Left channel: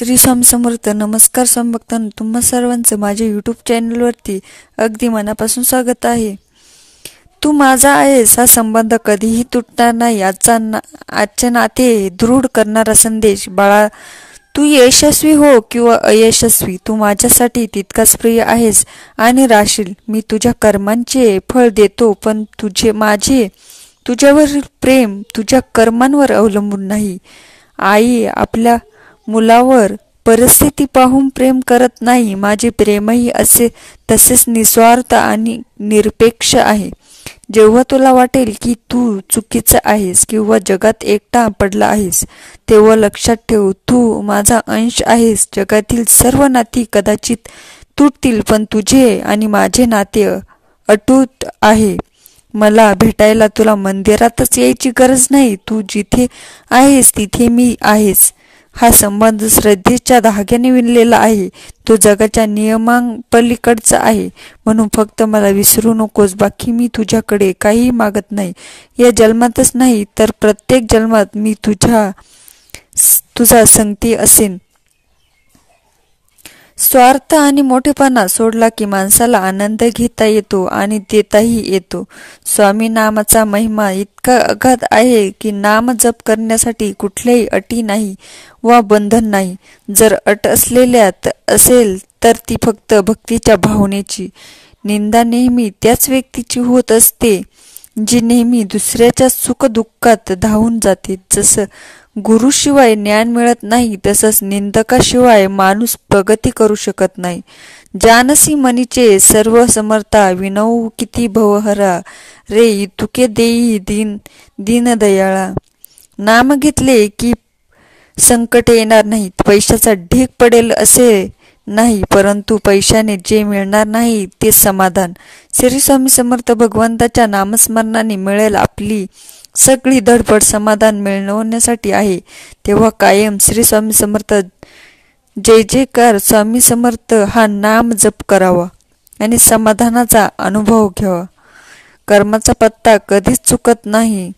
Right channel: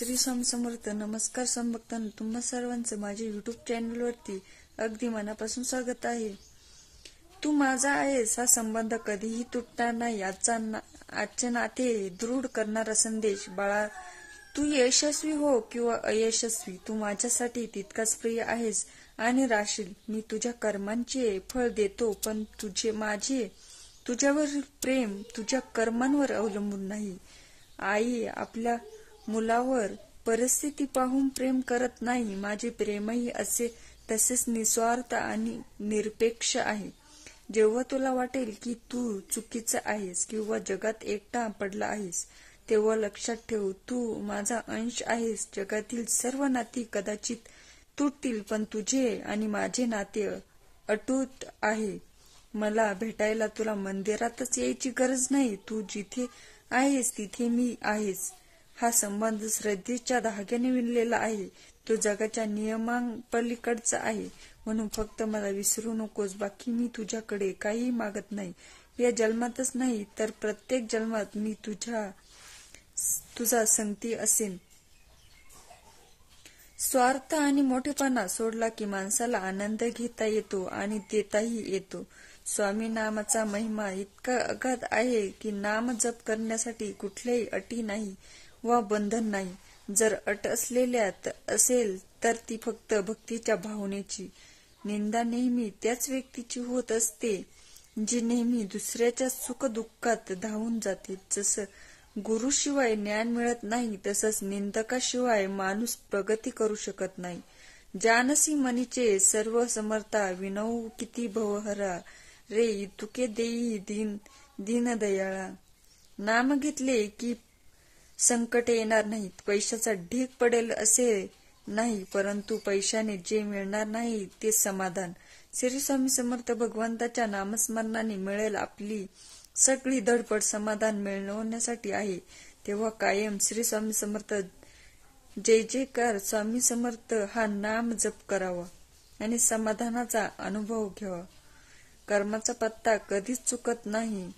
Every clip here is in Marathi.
श्री स्वामी समर्थ. नमस्कार स्वामी भक्तांनो, तुम्हा सर्वांचं माझ्या यूट्यूब चॅनलवरती अगदी मनापासून स्वागत आहे. तू माझा आहेस हा संबंध कधीही तुटणार नाही. आजचे नाते दृढ करणारा संदेश. बाळा, तू यशस्वी हो किंवा अयशस्वी, तू माझ्यासाठी तितकाच प्रिय आहेस आणि राहशील. मी तुझ्या कर्मांचे फळ देतो, पण तुझ्यावरील प्रेम तुझ्या कर्मांवर अवलंबून नाही. आई आपल्या मुलावर परिस्थिती पाहून प्रेम करत नाही. माझे प्रेमही तसेच निस्वार्थ आणि निरपेक्ष आहे. जेव्हा तुला वाटेल की तू चुकीचा आहेस किंवा जगात एकटा पडला आहेस, तेव्हा लक्षात ठेव, तू माझा अंश आहेस. जगातील सर्व नाती कदाचित तुटतील, पण तुझे आणि माझे नाते अटूट आहे. मला भेटायला तुला मंदिरातच यायची गरज नाही. तू जिथे आहेस तिथे मी आहेस. हा संबंध श्रद्धेच्या धाग्याने विणलेला आहे. तो जगाच्या नियमांपलीकडचा आहे. म्हणून फक्त मला विसरू नकोस. बाकी मी तुझ्याकडे काही मागत नाही. या जन्मातच नाही तर प्रत्येक जन्मात मी तुझा संगती असेन. स्वार्थ आणि मोठेपणा सोडला की माणसाला आनंद घेता येतो आणि देताही येतो. स्वामी नामाचा महिमा इतका अगाध आहे की नाम जप करण्यासाठी कुठल्याही अटी नाही वा बंधन नाही. जर अट असेल तर ती फक्त भक्तीच्या भावनेची. निंदा नेहमी त्याच व्यक्तीची होत असते जी नेहमी दुसऱ्याच्या सुखदुःखात धावून जाते. जसं गुरुशिवाय ज्ञान मिळत नाही, तसंच निंदकाशिवाय माणूस प्रगती करू शकत नाही. जानसी मनीचे सर्व समर्था, विनवू किती भवहरा, रे इतुके देई दीनदयाळा. नाम घेतले की संकट येणार नाहीत. पैशाचा ढीग पडेल असे नाही, परंतु पैशाने जे मिळणार नाही ते समाधान. श्री स्वामी समर्थ. भगवंताच्या नामस्मरणाने मिळेल आपली सगळी धडपड समाधान मिळवण्यासाठी आहे. तेव्हा कायम श्री स्वामी समर्थ जय जयकार स्वामी समर्थ हा नाम जप करावा आणि समाधानाचा अनुभव घ्यावा. कर्माचा पत्ता कधीच चुकत नाही.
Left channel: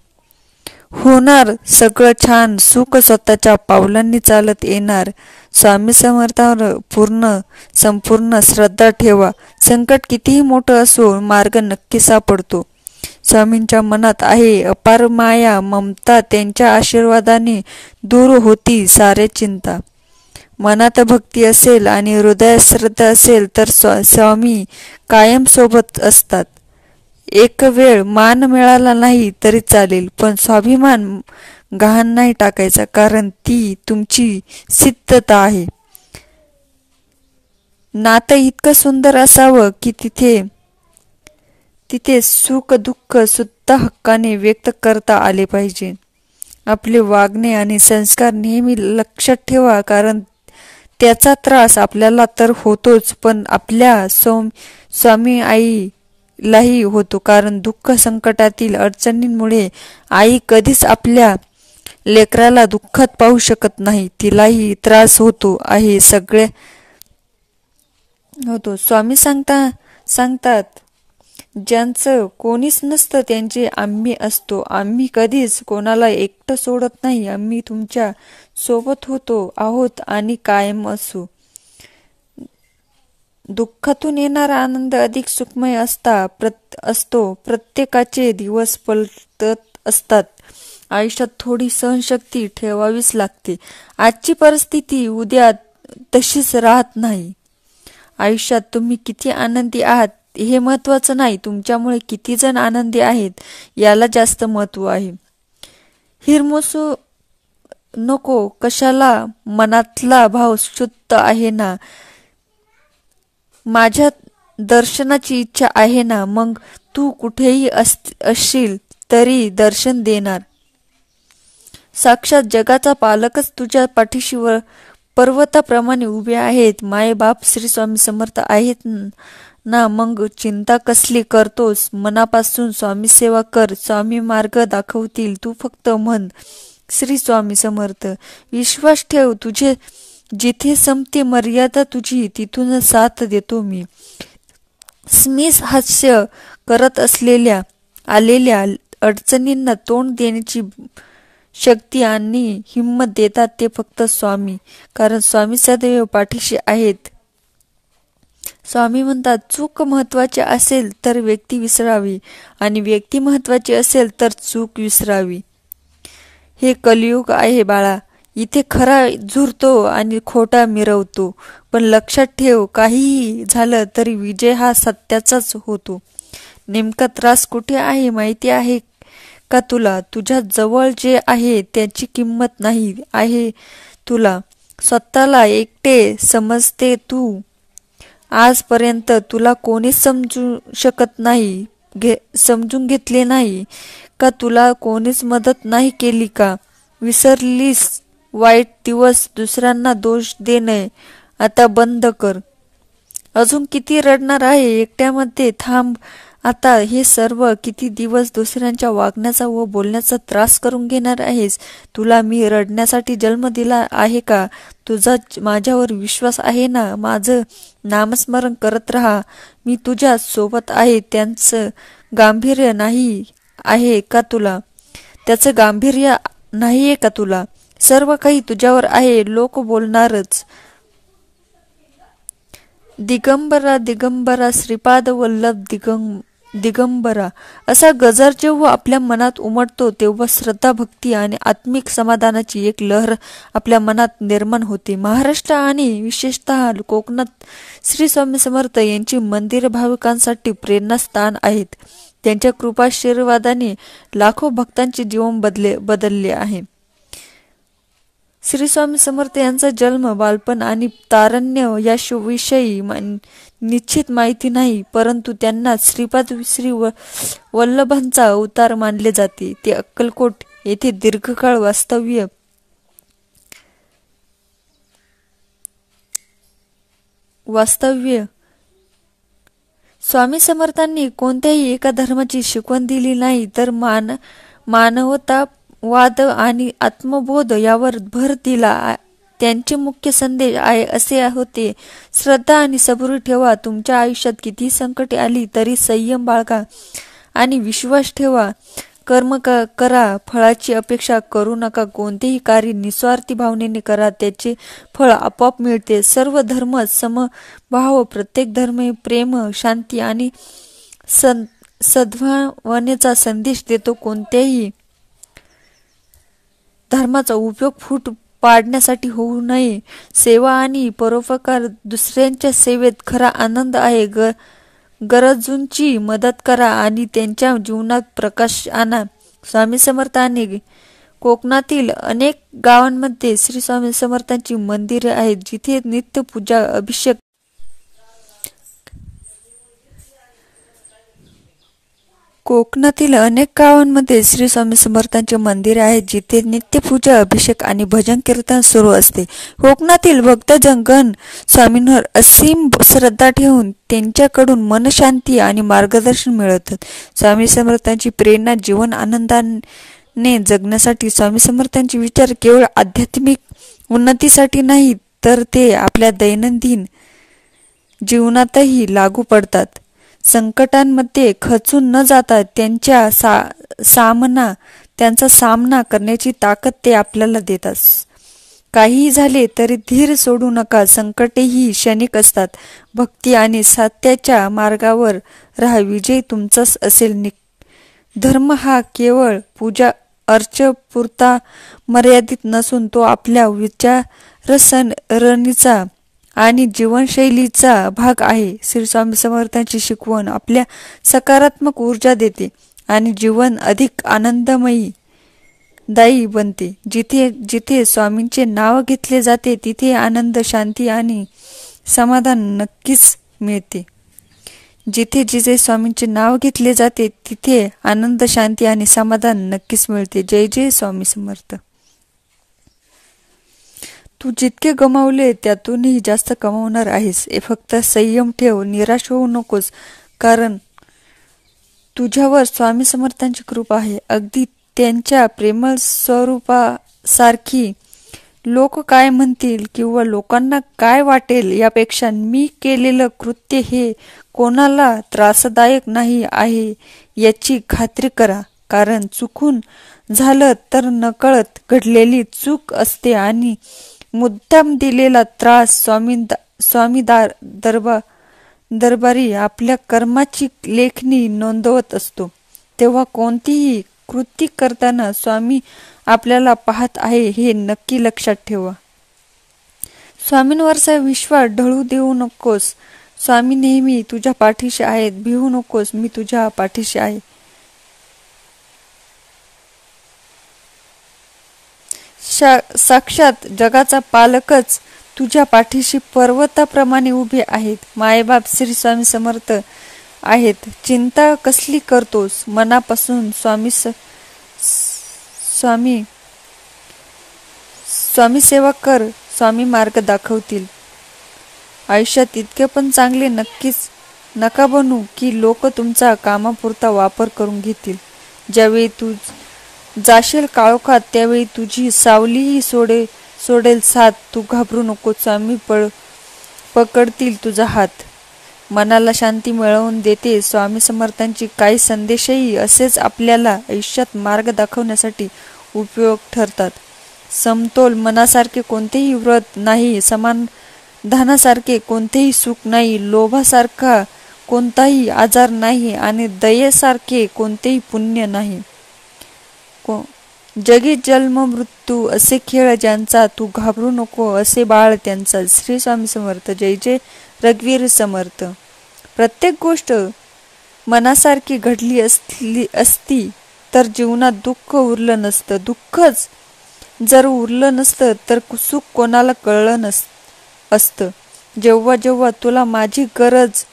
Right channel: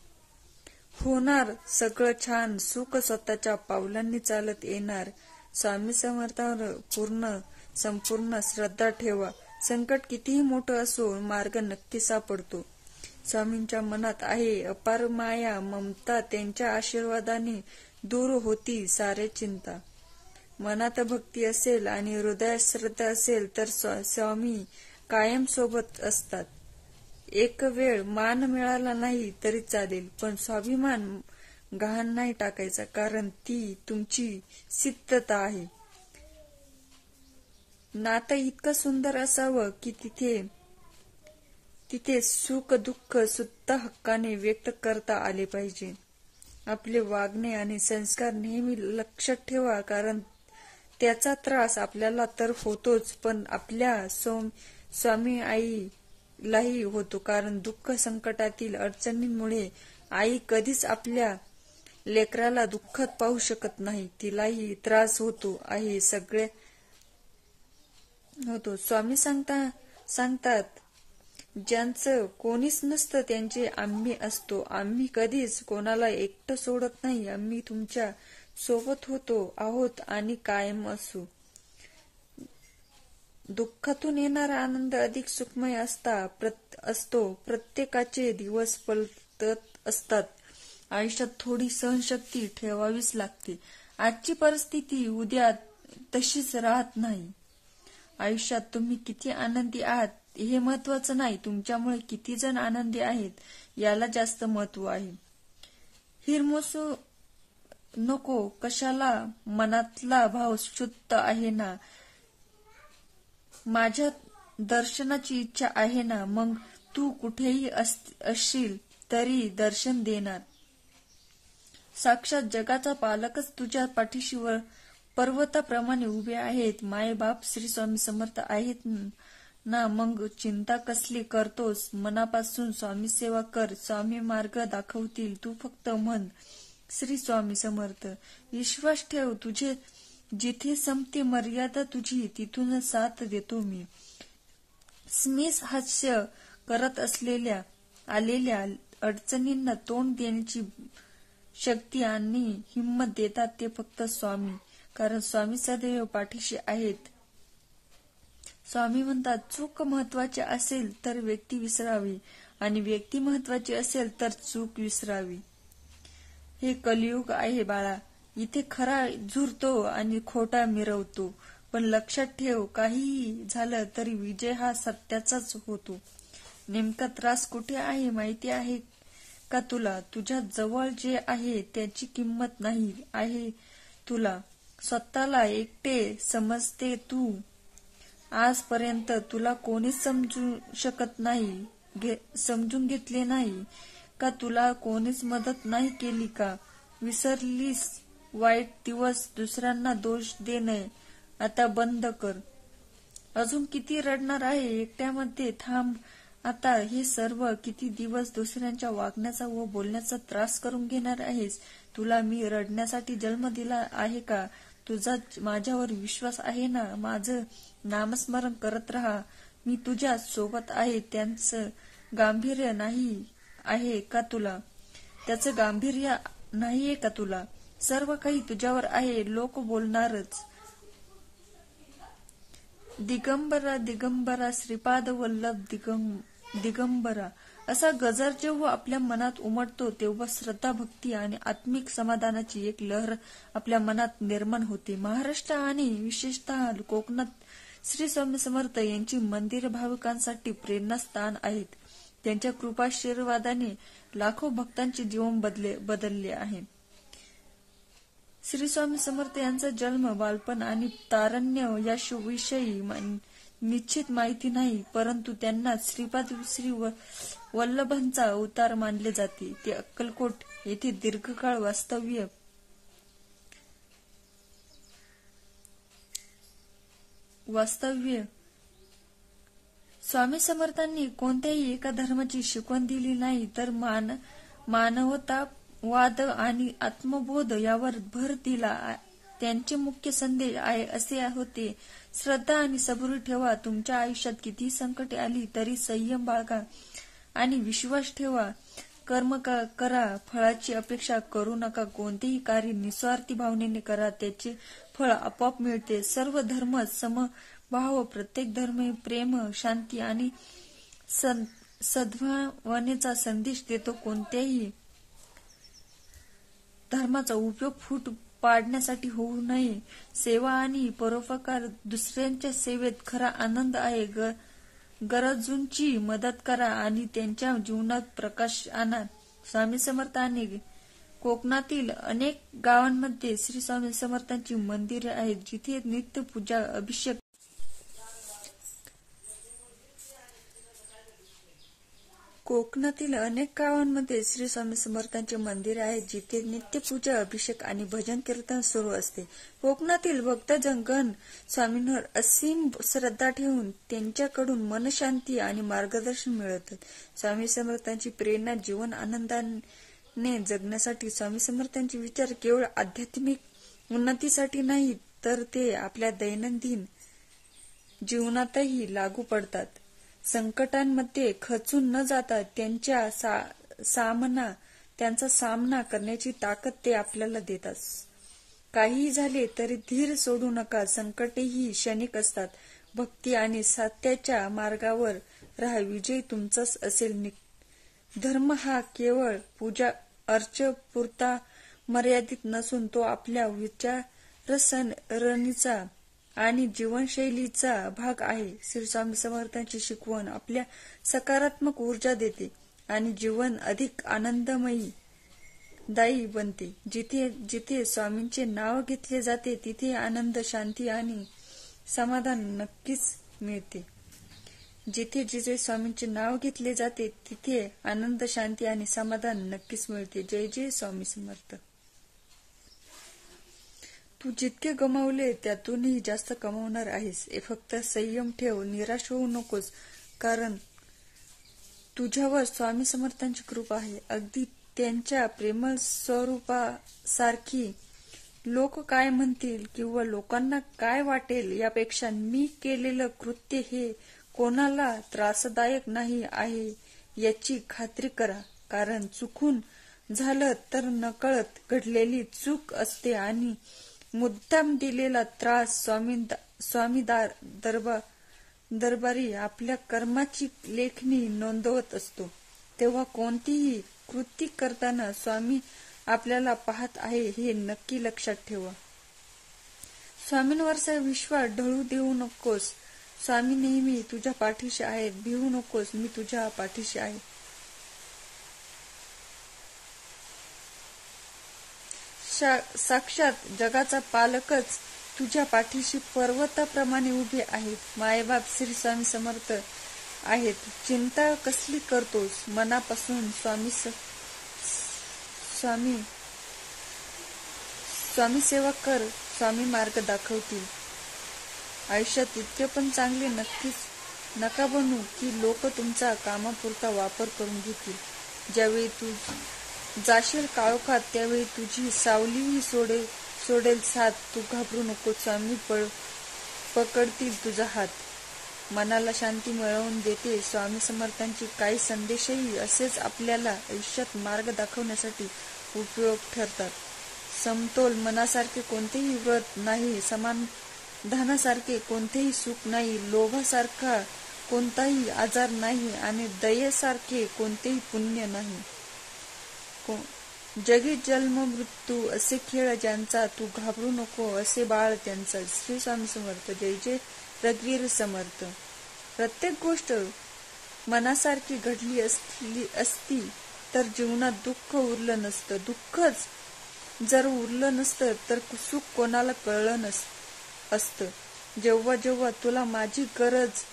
होणार सगळं छान. सुख स्वतःच्या पावलांनी चालत येणार. स्वामी समर्थावर संपूर्ण श्रद्धा ठेवा. संकट कितीही मोठं असो, मार्ग नक्की सापडतो. स्वामींच्या मनात आहे अपार माया ममता. त्यांच्या आशीर्वादाने दूर होती सारे चिंता. मनात भक्ती असेल आणि हृदयात श्रद्धा असेल तर स्वामी कायम सोबत असतात. एक वेळ मान मिळाला नाही तरी चालेल, पण स्वाभिमान गहाण नाही टाकायचा, कारण ती तुमची सिद्धता आहे. नातं इतकं सुंदर असावं की तिथे सुख दुःख सुद्धा हक्काने व्यक्त करता आले पाहिजे. आपले वागणे आणि संस्कार नेहमी लक्षात ठेवा, कारण त्याचा त्रास आपल्याला तर होतोच, पण आपल्या स्वामी आईलाही होतो. कारण दुःख संकटातील अडचणींमुळे आई कधीच आपल्या लेकराला दुःखात पाहू शकत नाही. तिलाही त्रास होतो आहे. सगळे होतो. स्वामी सांगतात ज्यांचं कोणीच नसतं त्यांचे आम्ही असतो. आम्ही कधीच कोणाला एकटं सोडत नाही. आम्ही तुमच्या सोबत आहोत आणि कायम असू. दुःखातून येणारा आनंद अधिक सुखमय असतो. प्रत्येकाचे दिवस पलटत असतात. आयुष्यात थोडी सहनशक्ती ठेवावीच लागते. आजची परिस्थिती उद्या तशीच राहत नाही. आयुष्यात तुम्ही किती आनंदी आहात हे महत्वाचं नाही, तुमच्यामुळे किती जण आनंदी आहेत याला जास्त महत्व आहे. हिरमोसू नको कशाला, मनातला भाव शुद्ध आहे ना. माझ्या दर्शनाची इच्छा आहे ना. मग तू कुठेही असशील तरी दर्शन देणार. साक्षात जगाचा पालकच तुझ्या पाठीशी पर्वताप्रमाणे उभे आहेत. माय बाप श्री स्वामी समर्थ आहेत ना. मग चिंता कसली करतोस. मनापासून स्वामी सेवा कर. स्वामी मार्ग दाखवतील. तू फक्त म्हण श्री स्वामी समर्थ. विश्वास ठेव, तुझे जिथे संपते मर्यादा तुझी, तिथून साथ देतो मी. स्मित हास्य करत आलेल्या अडचणींना तोंड देण्याची शक्ती आणि हिंमत देतात ते फक्त स्वामी, कारण स्वामी सदैव पाठीशी आहेत. स्वामी म्हणतात, चूक महत्वाची असेल तर व्यक्ती विसरावी आणि व्यक्ती महत्वाची असेल तर चूक विसरावी. हे कलियुग आहे बाळा. इथे खरा झुरतो आणि खोटा मिरवतो. पण लक्षात ठेव, काहीही झालं तरी विजय हा सत्याचाच होतो. नेमका त्रास कुठे आहे माहिती आहे का तुला? तुझ्या जवळ जे आहे त्याची किंमत नाही आहे तुला. स्वतःला एकटे समजते तू. आजपर्यंत तुला कोणीच समजू शकत नाही, समजून घेतले नाही का? तुला कोणीच मदत नाही केली का? विसरलीस वाईट दिवस? दुसऱ्यांना दोष देणे आता बंद कर. अजून किती रडणार आहे एकट्यामध्ये? थांब आता. हे सर्व किती दिवस दुसऱ्यांच्या वागण्याचा व बोलण्याचा त्रास करून घेणार आहेस? तुला मी रडण्यासाठी जन्म दिला आहे का? तुझा माझ्यावर विश्वास आहे ना? माझं नामस्मरण करत राहा. मी तुझ्या सोबत आहे. त्यांचं गांभीर्य नाही आहे का तुला? त्याचं गांभीर्य नाहीये का तुला? सर्व काही तुझ्यावर आहे. लोक बोलणारच. दिगंबरा दिगंबरा श्रीपाद वल्लभ दिगंबरा असा गजर जेव्हा आपल्या मनात उमटतो तेव्हा श्रद्धा, भक्ती आणि आत्मिक समाधानाची एक लहर आपल्या मनात निर्माण होते. महाराष्ट्र आणि विशेषतः कोकणात श्री स्वामी समर्थ यांची मंदिर भाविकांसाठी प्रेरणास्थान आहेत. त्यांच्या कृपाशीर्वादाने लाखो भक्तांचे जीवन बदलले आहे. श्री स्वामी समर्थ यांचा जन्म, बालपण आणि तारुण्य याविषयी निश्चित माहिती नाही, परंतु त्यांना श्रीपाद श्री वल्लभांचा अवतार मानले जाते. ते अक्कलकोट येथे दीर्घकाळ वास्तव्य. स्वामी समर्थांनी कोणत्याही एका धर्माची शिकवण दिली नाही, तर मानवतावाद आणि आत्मबोध यावर भर दिला. त्यांचे मुख्य संदेश आहे असे होते, श्रद्धा आणि सबुरी ठेवा. तुमच्या आयुष्यात किती संकटे आली तरी संयम बाळगा आणि विश्वास ठेवा. कर्म करा, फळाची अपेक्षा करू नका. कोणतेही कार्य निस्वार्थी भावनेने करा, त्याचे फळ आपोआप मिळते. सर्व धर्म समभाव. प्रत्येक धर्म प्रेम, शांती आणि सद्भावनेचा संदेश देतो. कोणत्याही धर्माचा उपयोग फूट पाडण्यासाठी होऊ नये. सेवा आणि परोपकार. दुसऱ्यांच्या सेवेत खरा आनंद आहे. गरजूंची मदत करा आणि त्यांच्या जीवनात प्रकाश आणा. स्वामी समर्थांनी कोकणातील अनेक गावांमध्ये श्री स्वामी समर्थांची मंदिरे आहेत, जिथे नित्य पूजा, अभिषेक कोकणातील अनेक गावांमध्ये श्री स्वामी समर्थांचे मंदिर आहेत, जिथे नित्यपूजा, अभिषेक आणि भजन कीर्तन सुरू असते. कोकणातील भक्तजन स्वामींवर असीम श्रद्धा ठेवून त्यांच्याकडून मनशांती आणि मार्गदर्शन मिळवतात. स्वामी समर्थांची प्रेरणा. जीवन आनंदाने जगण्यासाठी स्वामी समर्थांचे विचार केवळ आध्यात्मिक उन्नतीसाठी नाही, तर ते आपल्या दैनंदिन जीवनातही लागू पडतात. संकटांमध्ये खचून न जाता त्यांचा सामना करण्याची ताकद ते आपल्याला देतात. काहीही झाले तरी धीर सोडू नका. संकटेही क्षणिक असतात. भक्ती आणि सत्याच्या मार्गावर राहा. विजय तुमचाच असेल. धर्म हा केवळ पूजा अर्चेपुरता मर्यादित नसून तो आपल्या विचारसरणीचा आणि जीवनशैलीचा भाग आहे. श्री स्वामी समर्थांची शिकवण आपल्या सकारात्मक ऊर्जा देते आणि जीवन अधिक आनंदमयी दायी बनते. जिथे जिथे स्वामींचे नाव घेतले जाते तिथे आनंद, शांती आणि समाधान नक्कीच मिळते. जिथे जिथे स्वामींचे नाव घेतले जाते तिथे आनंद, शांती आणि समाधान नक्कीच मिळते. जय जय स्वामी समर्थ. तू जितके गमावले त्यातूनही जास्त कमावणार आहेस. फक्त संयम ठेव. निराश होऊ नकोस, कारण तुझ्यावर स्वामी समर्थांची कृपा आहे, अगदी त्यांच्या प्रेमळ स्वरूपासारखी. लोक काय म्हणतील किंवा लोकांना काय वाटेल यापेक्षा मी केलेलं कृत्य हे कोणाला त्रासदायक नाही आहे याची खात्री करा. कारण चुकून झालं तर नकळत घडलेली चूक असते आणि मुद्दाम दिलेला त्रास दरबारी आपल्या कर्माची लेखणी नोंदवत असतो. तेव्हा कोणतीही कृती करताना स्वामी आपल्याला पाहत आहे हे नक्की लक्षात ठेवा. स्वामींवरचा विश्वास ढळू देऊ नकोस. स्वामी नेहमी तुझ्या पाठीशी आहेत. भिवू नकोस, मी तुझ्या पाठीशी आहे. साक्षात जगाचा पालकच तुझ्या पाठीशी पर्वताप्रमाणे उभे आहेत. मायबाप श्री स्वामी समर्थ आहेत. चिंता कसली करतोस? मनापासून स्वामी सेवा कर. स्वामी मार्ग दाखवतील. आयुष्यात इतके पण चांगले नका बनू की लोक तुमचा कामापुरता वापर करून घेतील. ज्यावेळी तू जाशील काळोखात त्यावेळी तुझी सावलीही सोडेल साथ. तू घाबरू नको. स्वामी पकडतील तुझा हात. मनाला शांती मिळवून देते. स्वामी समर्थांची काही संदेशही असेच आपल्याला आयुष्यात मार्ग दाखवण्यासाठी उपयोग ठरतात. समतोल मनासारखे कोणतेही व्रत नाही. समाधानासारखे कोणतेही सुख नाही. लोभासारखा कोणताही आजार नाही आणि दयेसारखे कोणतेही पुण्य नाही. जगी जन्म मृत्यू असे खेळ ज्यांचा, तू घाबरू नको असे बाळ त्यांचा. श्री स्वामी समर्थ. जय जय रघुवीर समर्थ. प्रत्येक गोष्ट मनासारखी घडली असती तर जीवनात दुःख उरलं नसतं. दुःखच जर उरलं नसतं तर सुख कोणाला कळलं असतं. जेव्हा जेव्हा तुला माझी गरज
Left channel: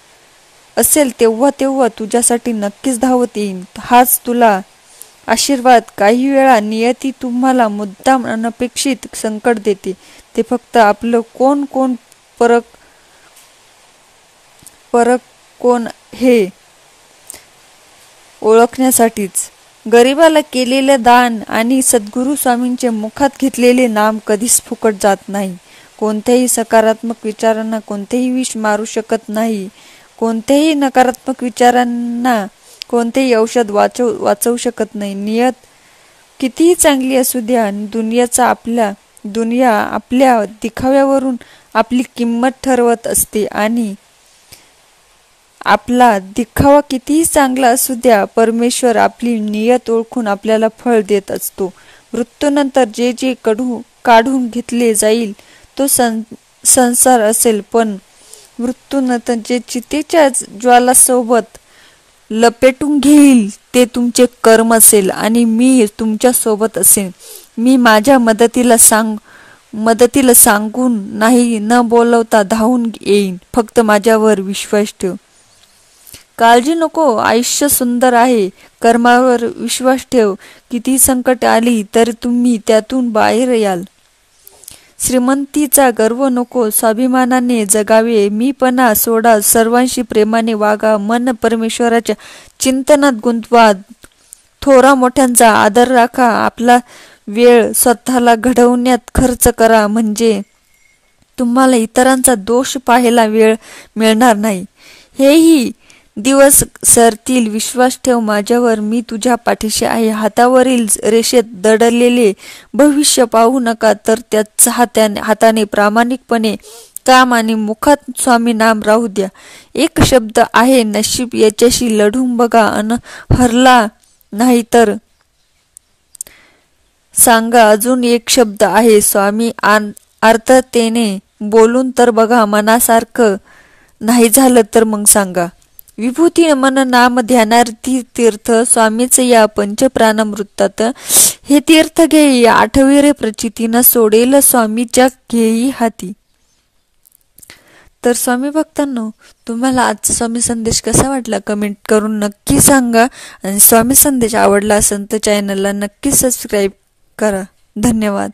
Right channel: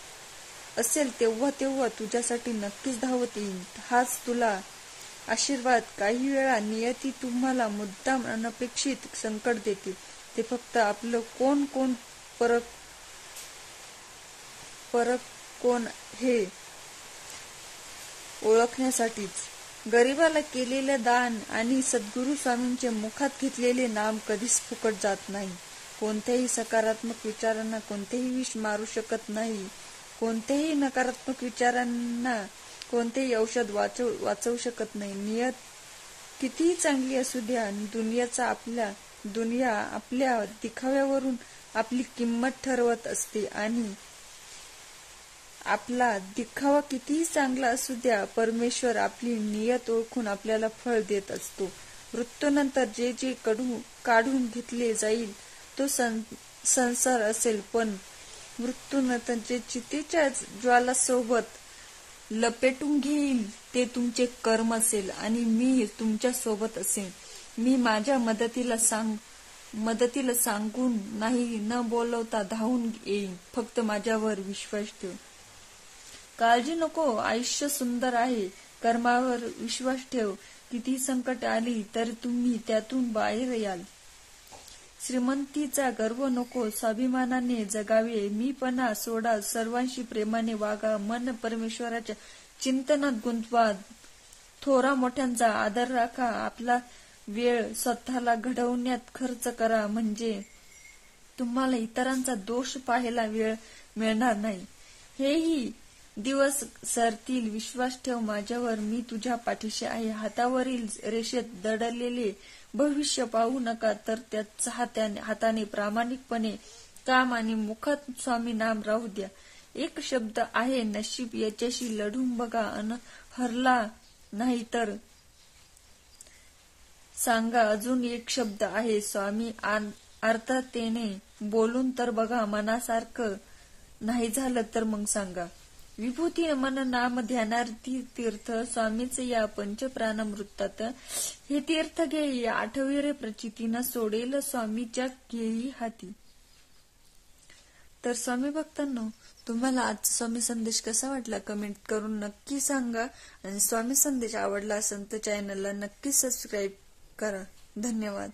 असेल तेव्हा तेव्हा तुझ्यासाठी नक्कीच धावत येईन. हाच तुला आशीर्वाद. काही वेळा नियती तुम्हाला मुद्दाम अनपेक्षित संकट देते. ते फक्त आपलं कोण परक कोण हे ओळखण्यासाठीच. गरिबाला केलेले दान आणि सद्गुरू स्वामींचे मुखात घेतलेले नाम कधीच फुकट जात नाही. कोणत्याही सकारात्मक विचारांना कोणतेही विष मारू शकत नाही. कोणत्याही नकारात्मक विचारांना कोणतेही औषध वाचवू शकत नाही. नियत कितीही चांगली असू द्या आणि दुनिया आपल्या दिखाव्यावरून आपली किंमत ठरवत असते आणि आपला दिखावा कितीही चांगला असू द्या, परमेश्वर आपली नियत ओळखून आपल्याला फळ देत असतो. मृत्यूनंतर जे काढून घेतले जाईल तो संसार असेल, पण मृत्यूनंतर जे चितेच्या ज्वालासोबत लपेटून घेईल ते तुमचे कर्म असेल आणि मी तुमच्या सोबत असेन. मी माझ्या मदतीला सांगून नाही, न बोलवता धावून येईन. फक्त माझ्यावर विश्वास ठेव. काळजी नको, आयुष्य सुंदर आहे. कर्मावर विश्वास ठेव. किती संकट आली तरी तुम्ही त्यातून बाहेर याल. श्रीमंतीचा गर्व नको, स्वाभिमानाने जगावे. मीपणा सोडा, सर्वांशी प्रेमाने वागा. मन परमेश्वराच्या चिंतनात गुंतवा. थोरा मोठ्यांचा आदर राखा. आपला वेळ स्वतःला घडवण्यात खर्च करा, म्हणजे तुम्हाला इतरांचा दोष पाहायला वेळ मिळणार नाही. हेही दिवस सरतील. विश्वास ठेव माझ्यावर, मी तुझ्या पाठीशी आहे. हातावरील रेषेत दडलेले भविष्य पाहू नका, तर त्याच हाताने प्रामाणिकपणे काम आणि मुखात स्वामी नाम राहू द्या. एक शब्द आहे नशीब, याच्याशी लढून बघा. हरला नाही तर सांगा अजून एक शब्द आहे स्वामी. आर्ततेने बोलून तर बघा. मनासारखं नाही झालं तर मग सांगा. विभूती मन नाम ध्यानार्थी तीर्थ स्वामीचे या पंचप्राणामृतात. हे तीर्थ घेई आठवी प्रचितीनं, सोडेल स्वामीच्या घेई हाती. तर स्वामी भक्तांनो, तुम्हाला आजचा स्वामी संदेश कसा वाटला कमेंट करून नक्की सांगा. आणि स्वामी संदेश आवडला असेल तर चॅनलला नक्की सबस्क्राईब करा. धन्यवाद.